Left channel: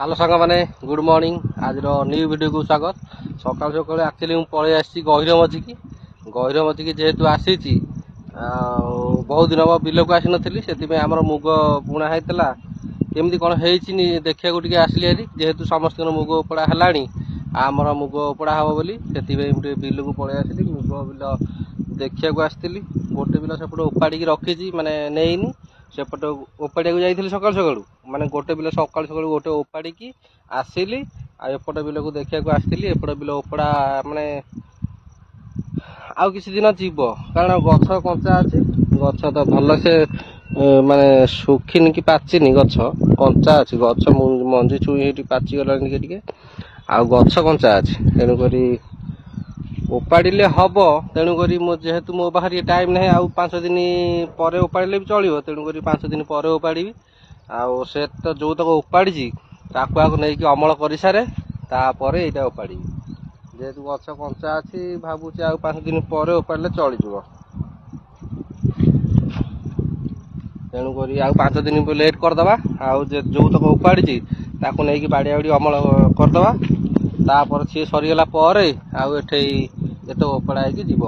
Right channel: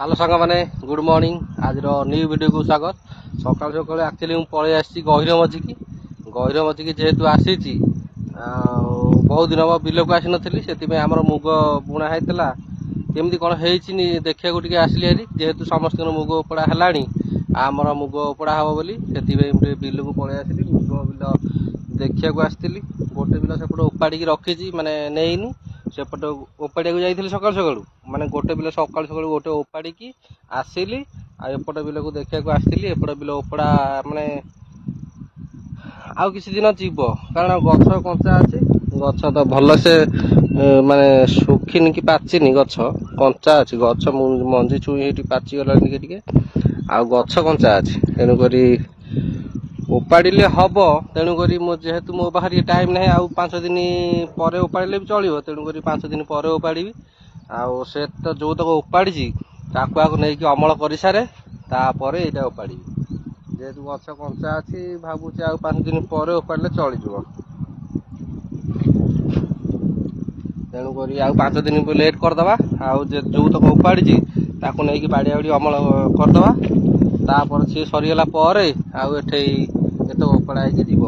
Hello सांग मैंने good morning आज न्यू वीडियो को स्वागत। सकाल सकाल एक्चुअली मुझे पलि आसी गहिर मझी की जेहेतु आसी बहुत दिन हम बिल को आसी नी से आम मुग बुणा होता केमती कौन देखा टे आसली हारी जेहेतु समस्त मुग उपड़ा है आमर मुग उपड़ा हम बोली से बिल को पलि आसली मुग बिल देखा आसती गोटे बिल सेपटे उपाड़ी रखी माने नहीं सेपटे ओपाड़िया जाइए सकाल सकालू माने गोटे बिल सकाल सकालू गोटे ओपाड़ी की आसली आएपटे बिल को देखा आसती एपटे बिल ओपड़ा माने आउ किसी दिन जीव कारण गछ कंचा अच्छी गछ तो भल से माने सुखिन कि पाचिनी गछ कंचा अच्छी गछ मंजी छुई पाचिगला टे आ गछ कंचा अच्छी तेणुक उपाड़े हम तेणुक जेहेतु मो पाखे टाइम ना आउ 5 दिन पर उपाड़े भी चलो तेणुक 5 दिन पर उपाड़ी आउ से तो जो तक उपाड़ी ताकू नहीं अमल कर सारे तापर यहाँ उपाड़ी जेहेतु गछ कंचा अच्छी भावुची आउ 5 दिन पर उपाड़े चलीज तेणुक आउ 5 दिन लेट करदे आउ जो तक उपाड़ी ताकू नहीं बाड़िया बाड़ी अमल करदे तापर सी सरीगला आउ एट उपड़ा जीव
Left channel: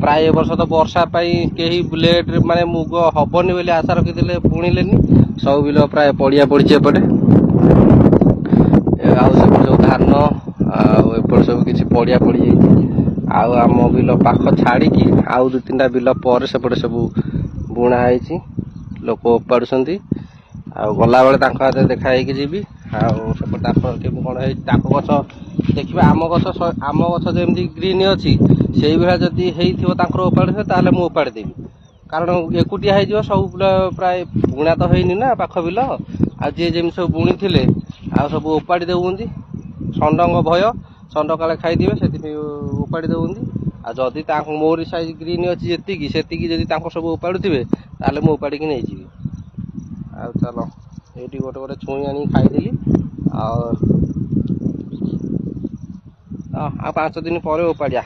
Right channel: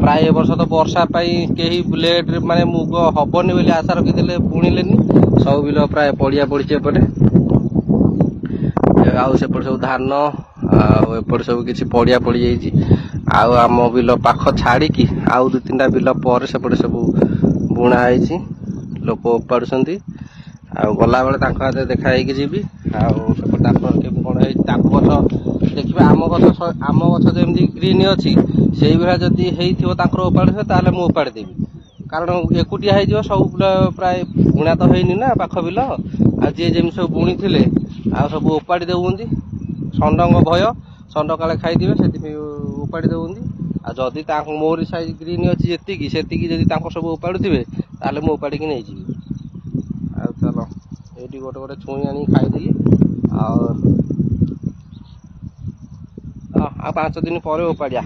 प्राय वर्ष तो वर्षा कहीं लेट माने मुग हबनी बोली आशा रखी बुणिले सब बिल प्राय पड़िया पड़ी एपटे आउपटे सब धान आउपटे सब किसी पड़िया पड़ जाऊ आम बिल पाख छाड़ी आउ 2-3टा बिल पर सेपटे सब बुणा है लोक उपाड़ुंट आ गला बेले देखा जी आउपटे कौन है गछ देखिए आम गछ जमी ग्रीन अच्छी से भाया जदि उपाड़े ताले मुझे उपाड़ी देवी कारण एकुटिया हो सब प्राय बुणा तो है ना पाख बिल आए जमी सब बुणी थे आ सब उपाड़ी देउंदी षंडंग भय षंड काले खाईदे से उपाड़ी देउंदी आ जदि मोरी साइज ग्रीन अच्छी जी जदि सब उपाड़ुवे ताले मुझे उपाड़ी नहीं जी आ चलो ये गोटे गोटे छुई आनी खाईदेली आ 5 दिन पर उपाड़िया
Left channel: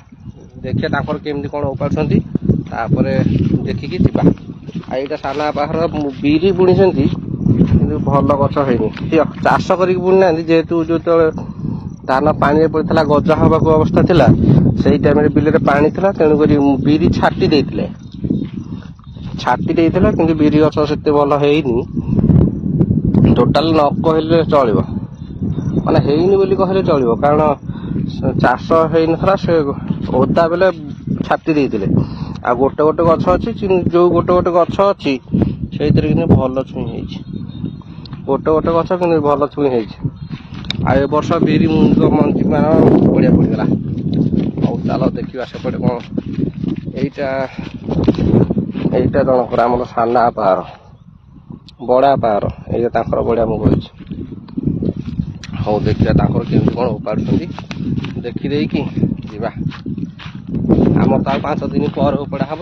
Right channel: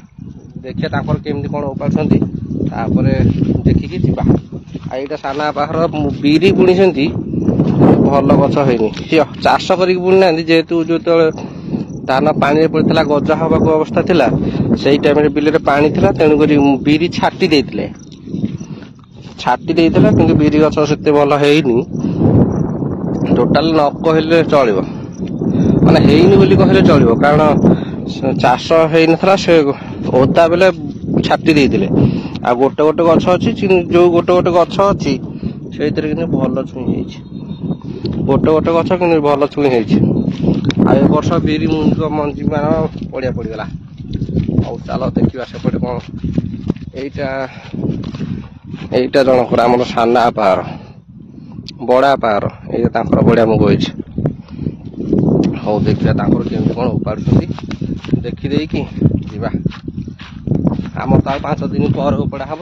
देखिए केमती कौन उपाड़ुंट देखिकी जीवा आईटा साना बाहर बिरी बुणी भल गछ होनी सी चाष कर बुणी ना जेहेतु जो धान पानी पड़ता गजा हवा अवस्था थिला से टाइम बिल पानी था तेणुक बिरी छाटी कि बिरी गछ से भल है टोटाल न कहले चलो माने हेनी बोली कहले चलो कारण चाष हो से ओदा बेले छाटी देते आ गोटे गोटे गछ अच्छी जो गोटे गोटे गछ अच्छी से भल छुई गोटे गोटे गछ कि भल छुई आ वर्ष बिरी मंजी मान बढ़िया पड़गला और चलो देखा सेपटे कौन यहीटा जनकर आम साना पार बड़ा पार ये बढ़िया मुग होती हाँ देखिए केमती कौन उपाड़ुंट देखीदे कि जीवा आम तो 5 दिन पर उपड़ा हम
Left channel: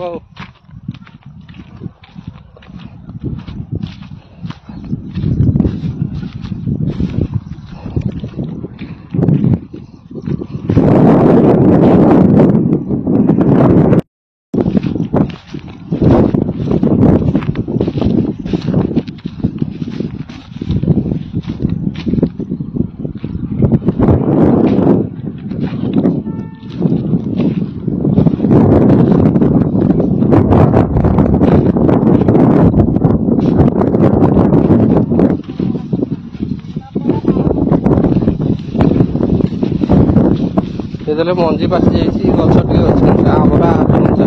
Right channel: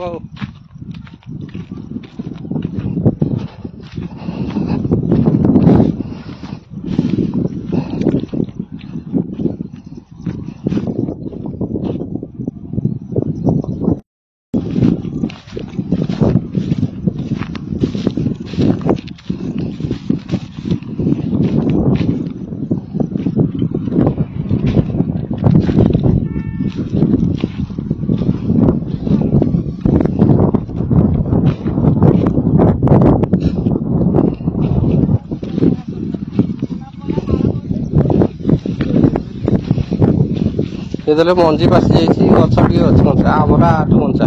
ये मंजी पासी गछ टे अच्छी आमर कंचा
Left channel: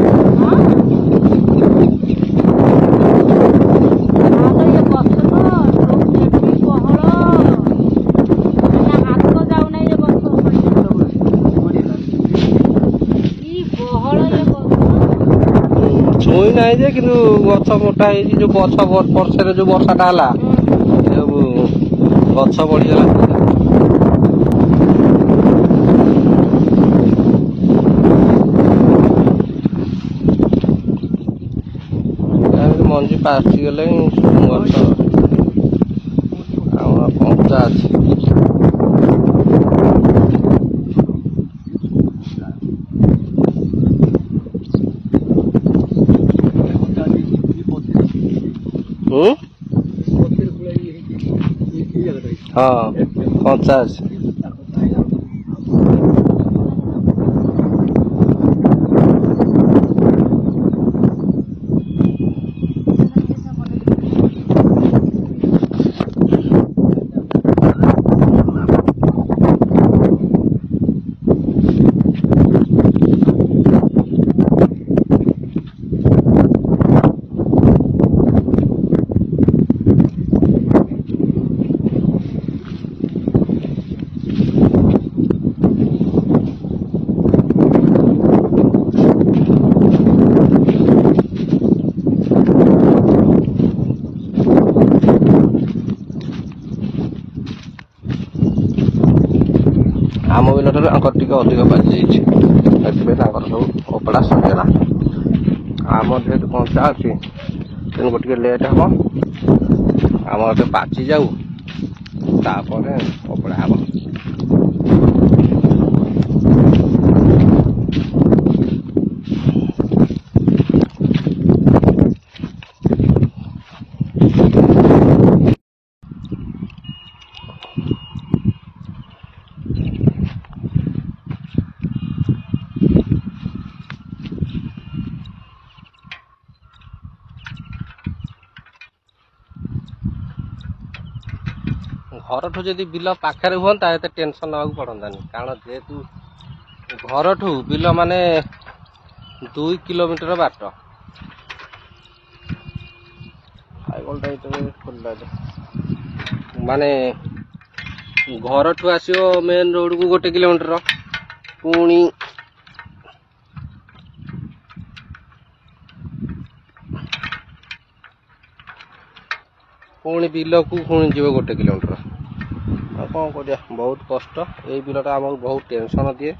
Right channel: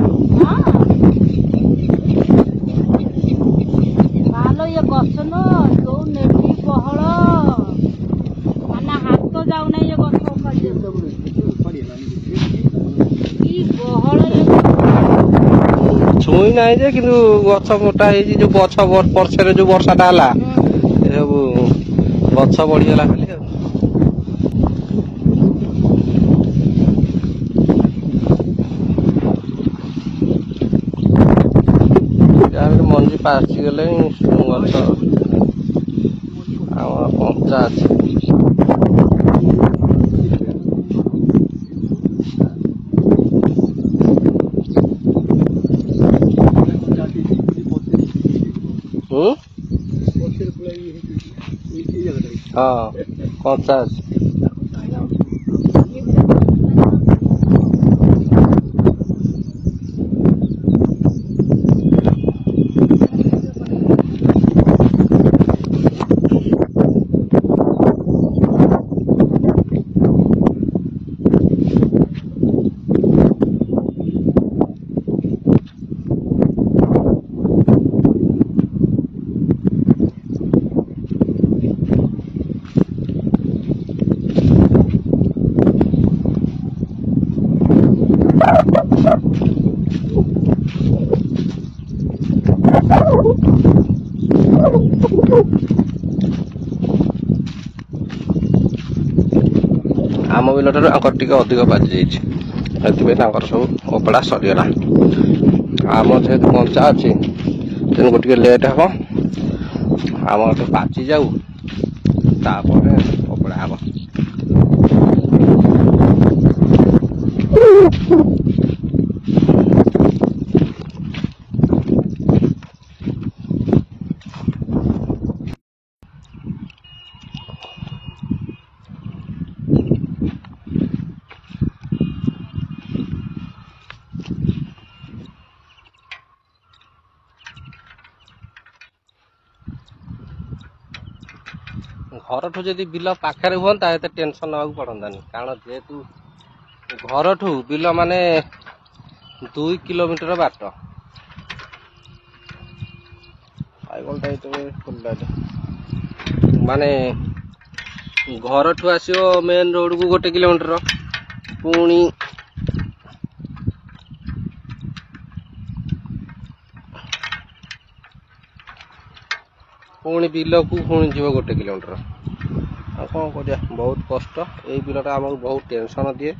छुई ना कि गछ मोटा जो गछ परसे जो वर्षाटा है गछ बढ़ीगला मंजी पासीगले गछ कंचा ହଁ କଞ୍ଚା ଅଛି। ଆମ ବିଲ ଠାରୁ ଆଙ୍କର ଟିକେ ଅଧିକ ପାଚି ଯାଇଛି, ସେଥିପାଇଁ ତାଙ୍କର ସବୁ ଓପଡ଼ା ସରିଗଲା। ଆମର ଯେହେତୁ କଞ୍ଚା ଅଛି ତେଣୁ ଟିକେ ଲେଟ୍ ହେବ। ଆମର ଟିକେ ପାଚି ଯାଉ ତାପରେ ଓପଡ଼ା ହେବ। ଘରଠୁ ଯଦି ବିଲ ପାଖରେ ହୁଅନ୍ତା ଏତେ ଟେନସନ୍ ନେବାକୁ ପଡ଼ନ୍ତାନି, କାରଣ ଯେହେତୁ ଘରଠୁ ବିଲ ମାନେ 2 କିଲୋମିଟର ବାଟ। ସାଇକେଲଟା ଏଇଠି ଖୋଲିଲାନି, ମାନେ ଘରଠୁ ଆସିବ ମେନ୍ ରୋଡ଼କୁ 1 କିଲୋମିଟର, ପୁଣି ବିଲକୁ ପୁଣି ଯିବ 1 କିଲୋମିଟର। ଆଉ କ'ଣ କରିବା, ବହୁତ କଷ୍ଟ। ଏଇ ବିଲଟା ଆମକୁ ବହୁତ ଟେନସନ୍ ଦିଏ।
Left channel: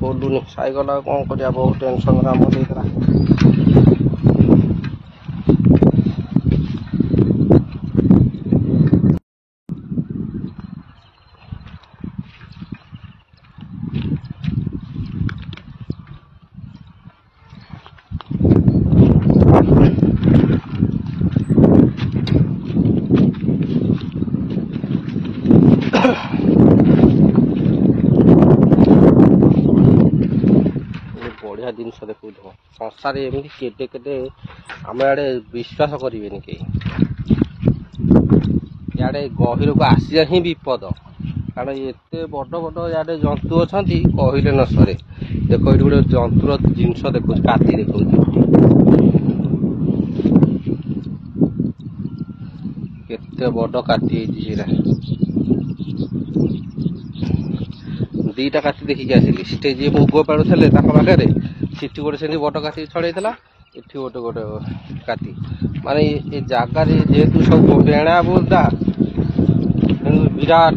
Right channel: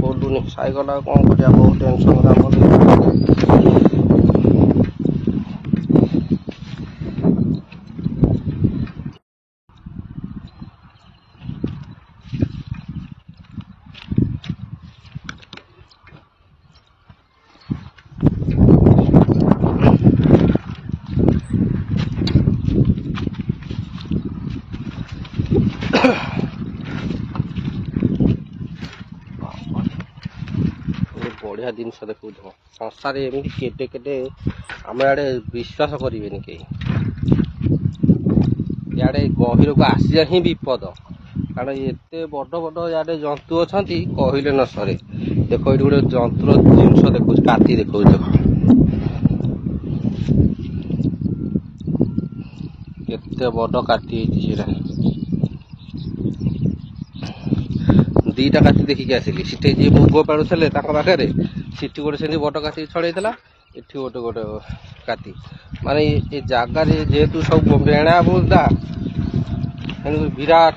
ଖୋଲୁନି ସାଇକେଲ, ଆଉ କ'ଣ କରିବା, ବହୁତ ଟେନସନ୍ କାମ ଦେଇଛି। ବଢ଼ିଆ ଜିନିଷ ଦେଖୁଥିବ ସଂସାରେ, ଏମିତି କେତେ କେତେ ଆମ ଆଡ଼େ ବିଶ୍ୱାସ କରିବେନି କେହି। ଇଆଡ଼େ ଗହିରକୁ ଆସିବା ହିଁ ବିପଦ, କାରଣ ଏତେ ବଡ଼ ବଡ଼ ଇଆଡ଼େ ଜନ୍ତୁ ଅଛନ୍ତି କହିଲେ ନ ସରେ। ଦେଖ ଏଇଠି ଗୋଟେ ଜନ୍ତୁର ଜିନିଷ ଦେଖୁଛି, କାତି ଦେଖଉଛି, କେତେ ବଡ଼ କାତି ହେଇଛି ସେଇଟା। 2ଟା କାତି ଦେଖିକି ଆସିଲି। ସେଠି ଯିଏ ମୁଗ ପାଳୁଥିଲେ ତାଙ୍କ ପାଖରେ, ସେଠି ଗୋଟେ ସେମିତି ବଡ଼ କାତି ଛଡ଼େଇଥିଲା, ଏଠି ଗୋଟେ କାତି। ମାନେ ଏ ଜାଗାରେ ଯେହେତୁ ସବୁ ବେଣା ବୁଦା, ବିରାଟ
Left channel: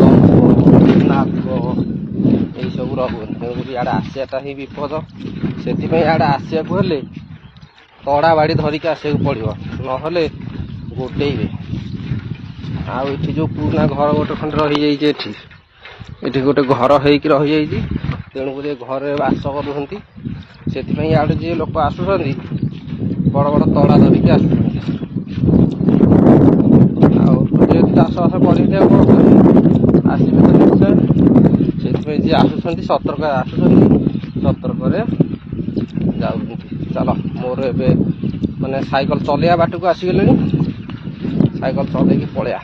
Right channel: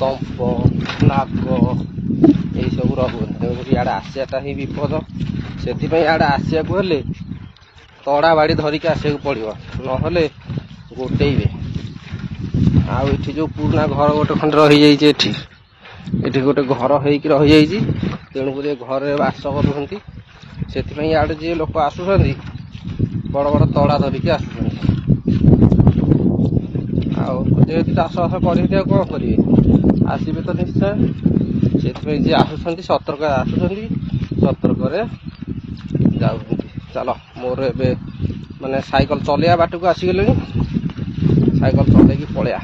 ଦମ୍ପ ନାଗ ଏଇସବୁ ରହୁନି, ତେଣୁକରି ଇଆଡ଼େ ଆସିବାଟା ହିଁ ବିପଦ। ସେଥିପାଇଁ ଇଆଡ଼େ ଆସିବାକୁ ହେଲେ ତଡ଼ା ବାଡ଼ି ଧରିକି ଆସିବାକୁ ପଡ଼ିବ, ନହେଲେ ଗୋଡ଼େଇବେ। ଆଉ ଏଠି ଯେଉଁ ପୁରୁଣା ଘର ଗୋଟେ ଖଣ୍ଡେ ରହିଯାଇଛି, ଏଠି ଗୋଟେ ଘର ହେଇକି ରହିଯାଇଛି, ତେଣୁକରି ଘରେ ବାସ କରୁଛନ୍ତି। ସେଥିପାଇଁ ଇଆଡ଼େ ଯିଏ ଲୋକ ଆସୁଛନ୍ତି ବଡ଼ ବଡ଼ ତଡ଼ା ଧରିକି ଆସୁଛନ୍ତି। ଆଉ ଯେହେତୁ ଚାଷବାସ କରିକି ଆଉ କ'ଣ କରିବେ, ଆସିବେ ତ ନିଶ୍ଚୟ। ସେଥିପାଇଁ ଯିଏ ଆସୁଛନ୍ତି ସତର୍କରେ ଆସୁଛନ୍ତି, ସତର୍କରେ ଯାଉଛନ୍ତି। ଚାଲ, ମୋର ଏବେ ମାନେ ସାଇକେଲ ଚଲେଇବା ବାଟକୁ ଆସିଗଲେଣି, ସାଇକେଲ ଚଲେଇକି ପଳେଇବା।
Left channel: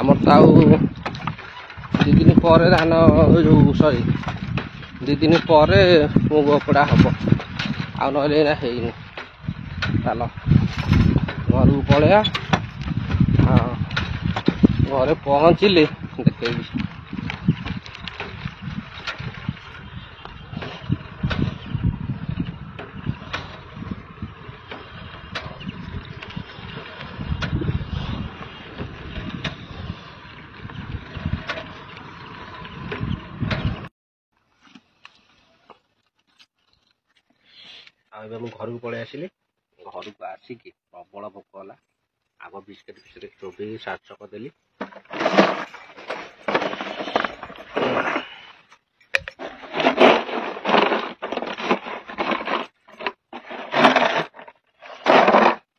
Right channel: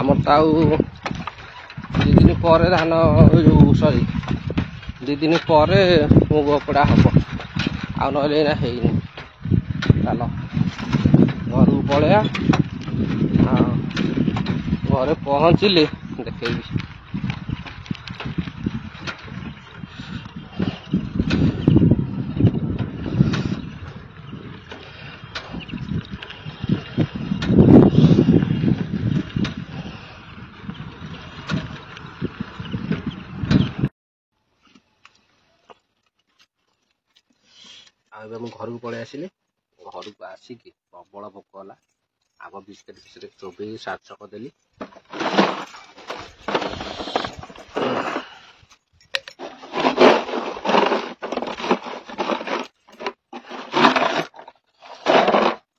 ଆମର ତ ଆଉ 2 ଦିନ ପରେ ଧାନ, ଯେଉଁ 2 ଦିନ ପରେ ମୁଗ ଓପଡ଼ା ହେବ, ଆଉ ନହେଲେ ଏଇନା ହେଇନି। ଚାଲ ଘରକୁ ପଳେଇବା। ହଁ, ଘରେ ପହଞ୍ଚିଲେ ଦେଖେଇବି। ଏବେ ମୁଁ ଘରକୁ ପଳେଇ ଆସିଲି। ଘରକୁ ଆସିକି ପ୍ରବଳ ଭୋକ ହେଲା। ଆଗ ବିସ୍କେଟ୍ ଫିସ୍କେଟ୍ ଚୋବେଇ ସାର୍ଟ କରିଦେଲି।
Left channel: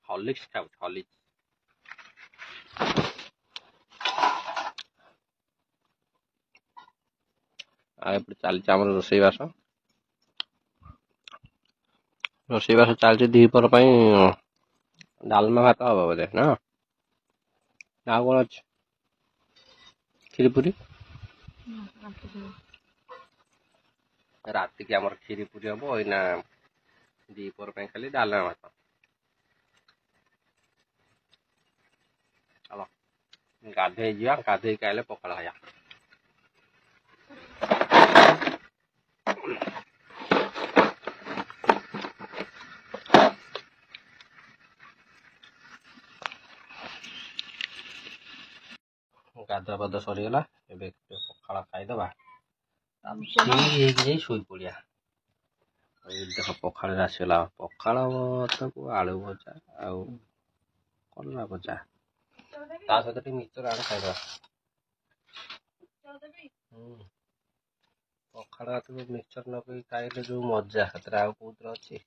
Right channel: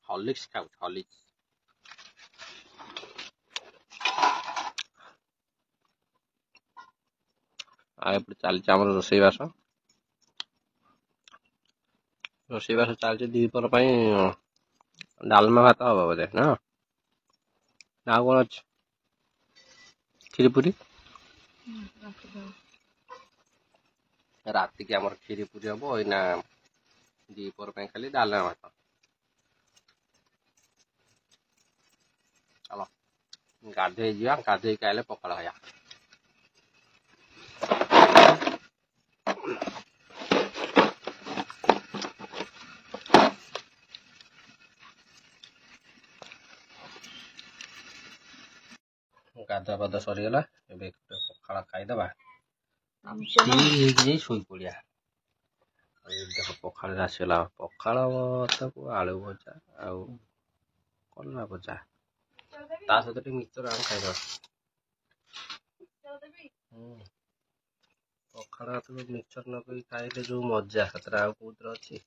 हॉर्लिक्स खाऊँ हॉर्लिक्स। चलती आम रोसईबास चलती द्विपहर डालमा भात हम बोधे ना कौन अच्छे खीरी पूरी राति की आम खीरी पूरी हम ना द्विपहर खाली डालमा भात। चलो गाधे जा गाधे आए पखाड़ खाया। गाधा पाधा सरीगला पखाड़ खाईदे शोई पड़िया। देख पखाड़ आसगला पखाड़ भात को आलू भजा आउ कलरा भजा ता सहित मिक्सचर आम खाईदे। पखाड़ भात को मिक्सचर न खाइले जो मजा से आउ कौन अच्छी।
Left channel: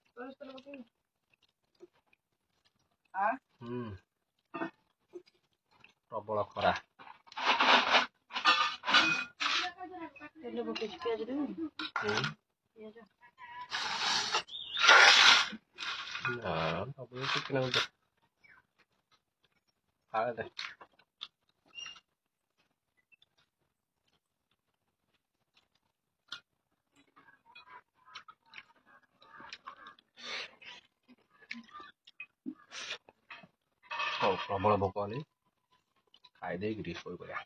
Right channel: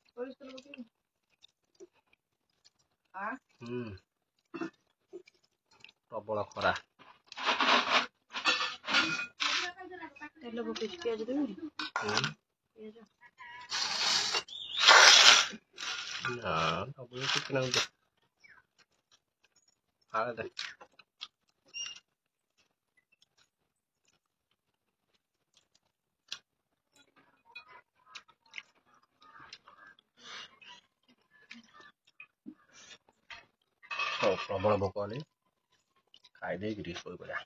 प्रबल खरा प्रबल भोक हेली खाईदे शोई पड़ा।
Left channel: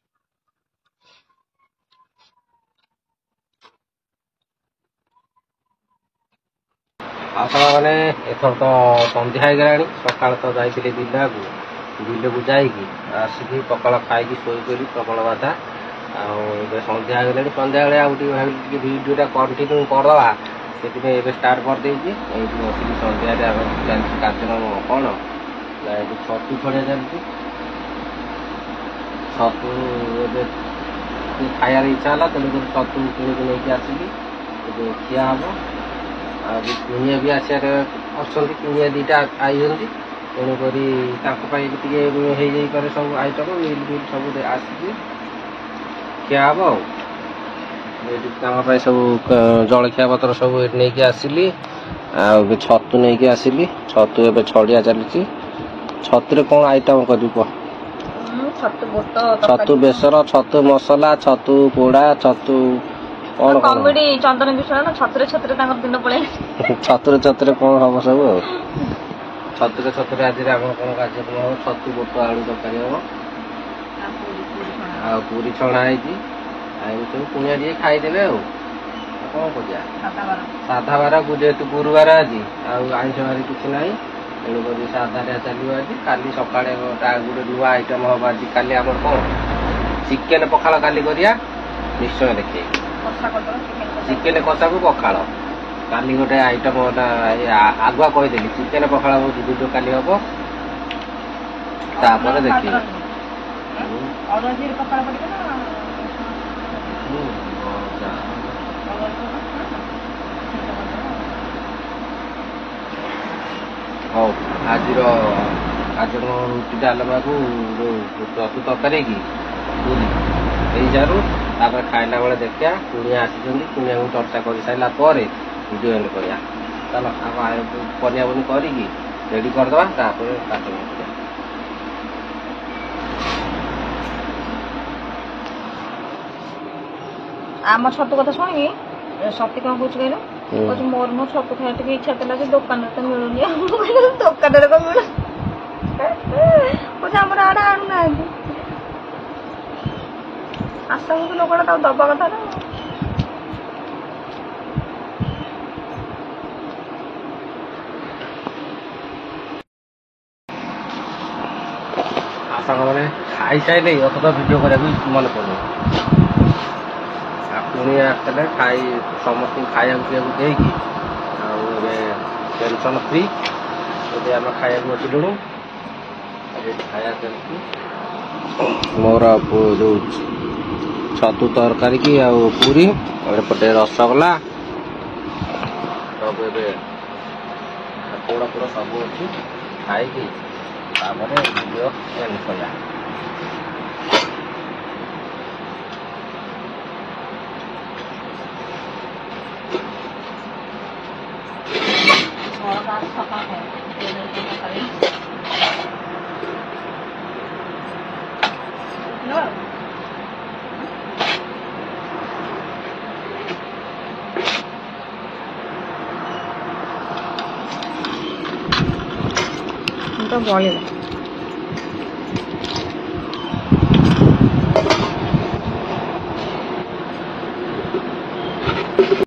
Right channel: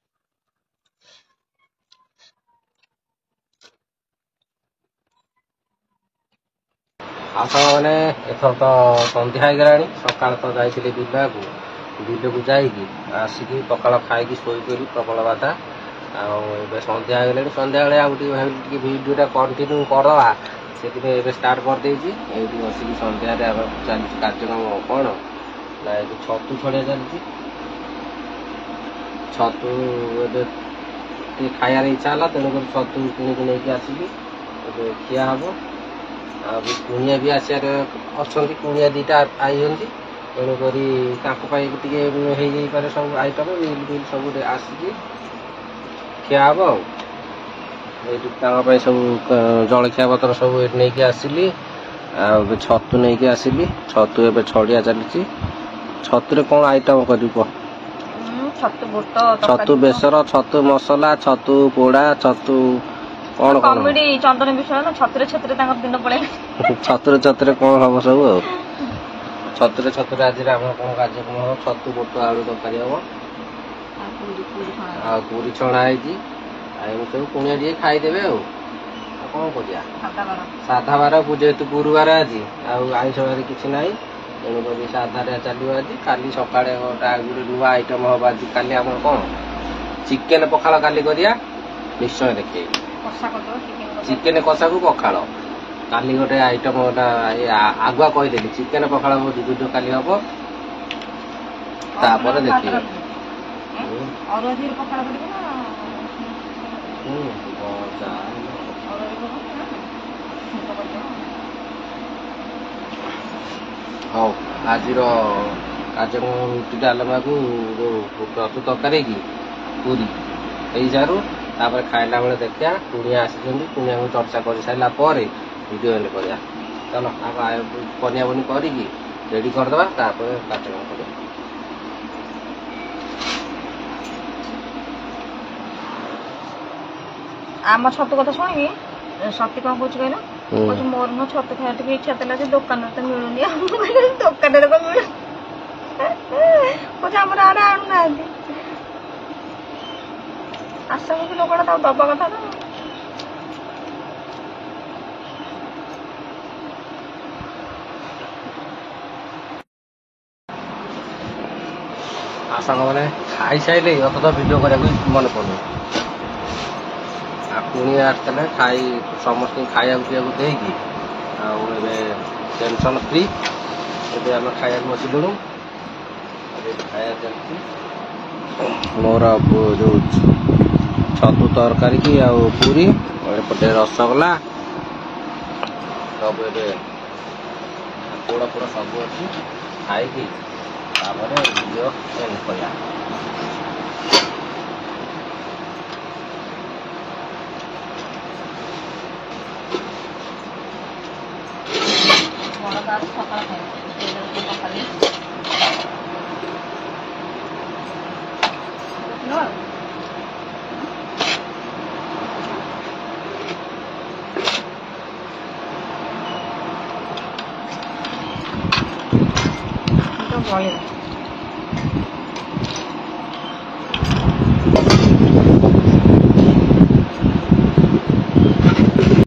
मैंने एथर तो सन्ध्या हो गला सका तो जाइए बिल को जाकि आसिक पखाड़ खाई शोई पड़ी प्रबल बाधा आए सन्ध्या हो गला सन्ध्या बेले आगे भिडियोटा कंटिन्यू करदे से स्टार्ट करदे बसिक सन्ध्या चलती कार्यक्रम कौन ना ये छतु छड़िया चलती छतु खायार इच्छा है तेणुक छतु किणिक नहीं आसिक खिया हम कुणिया भी आसार अच्छा कुणिया दीटा आई तेणुक हो सब आइटम मिल बिल सब आसिक खिया हम सब जलखिया पतर सब नहीं आसली छतु नहीं आसली छतु ए छड़िया चली छतु कौन आइटम कर छतु बेसर छतु मसला छतु पोड़ा छतु कौन कॉमेडी चंदन विषय छतुरे छतुरे दिन पड़े छतुरे कौन हम सब छतुरे आज कौन कार्यक्रम हम छतु बोट आलू तरकारी हम आ पूरी छणा सब कुणिया टे खाईदे कौन कर साधा बार जेहेतु गुरुवार आज आईष बार किसी ना तेणुक साधा चलो आज काली सका गोटे नुआ आइटम हम आज काली आम कौन चिकेन पखाड़ काली करिया निश्चय देखे चिकेन कषा को पखाड़ काली गोटे आइटम आगुआ कहीदेली चिकेन पखाड़ वीडियो काली हम तापर देखिए हाँ आज कार्यक्रम रुटी डालमा को छतु तरकारी की पूरी हो सारू तापर खाइला बेले देखिया कुणिया आसी कुणिया को चर्चा कर सारा वीडियो एंड करिया। चलो आप पनिया बनी करी रेडी करदे कार्यक्रम कर आम छतु कथा शुणी सती कौन कह कहल मोर नो छतु खाया टे इच्छा था दुकान तो मिलूनी दुकान कौन मिल कह आम आड़े आणुना आशा को लोकटा दबा कथा ना आशा मैंने खाई सारे अत तो भिड करा मन पड़े पुणी आसते खाई समस्त खाया पीवा देकी टेंशन फ्री ଏବେ ଆମେ ଖାଇବାକୁ ବସିଲୁଣୁ ଆଜି ଖାଇବା ଚାଲିଛି ମୋର ଯୋଉ ଛତୁ ତରକାରୀ କି ଆଉ ପୁରୀ ଏପଟେ ରସଗୋଲା ସବୁ ଏବେ ପୋଡ଼ ପୋଡ଼ ସବୁ ଅଛି ଖାଇକି ତାପରେ ଭିଡ଼ିଓ ଏଣ୍ଡ କରିବା ମୋର ଗାଁ ସକାଳ ଖାଏ ତ ବଳିଲା